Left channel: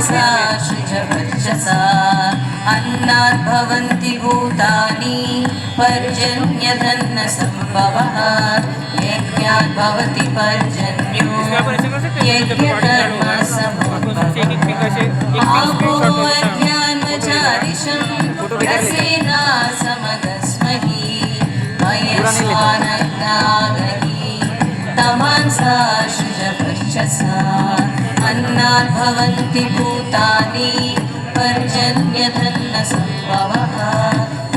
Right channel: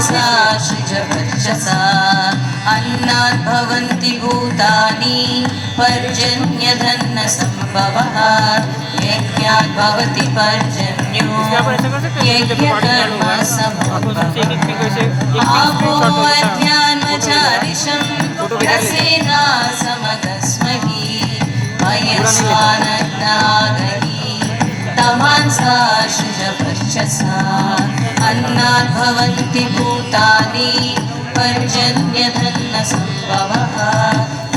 तमांसाशिजवर्चसा अन्नात् भवन्ति भूतानि पर्जन्यधन्नसम्भवः यज्ञात् भवति पर्जन्यो यज्ञकर्मसमुद्भवः आपो अध्यान्वचारिषं रसेना समदस्महि मयस्वानग्नागहि तमांसाशिजवर्चसा अन्नात् भवन्ति भूतानि पर्जन्यधन्नसम्भवः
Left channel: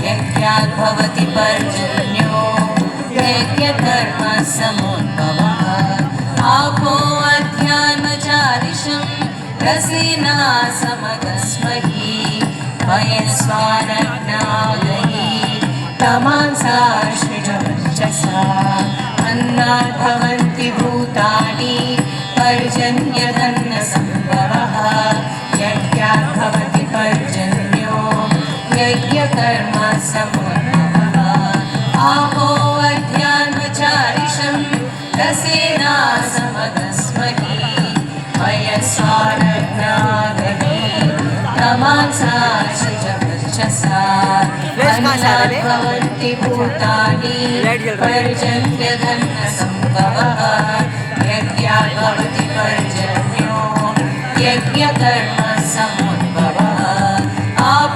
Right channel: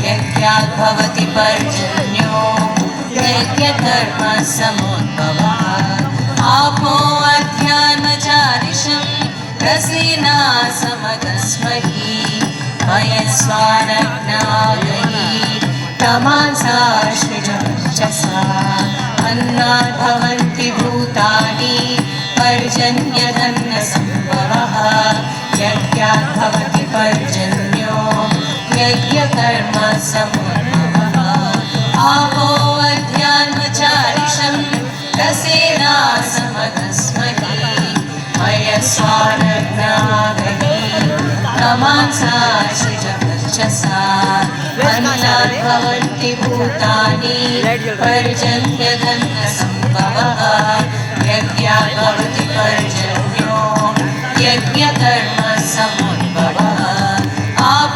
यज्ञात् भवति पर्जन्यो यज्ञकर्मसमुद्भवः आपो अध्यान्वचारिषं रसेना समदस्महि वयस्वानग्नागहि तमांसाशिजवर्चसा अन्नात् भवन्ति भूतानि पर्जन्यधन्नसम्भवः यज्ञात् भवति पर्जन्यो यज्ञकर्मसमुद्भवः आपो अध्यान्वचारिषं रसेना समदस्महि वयस्वानग्नागहि तमांसाशिजवर्चसा अन्नात् भवन्ति भूतानि पर्जन्यधन्नसम्भवः यज्ञात् भवति पर्जन्यो यज्ञकर्म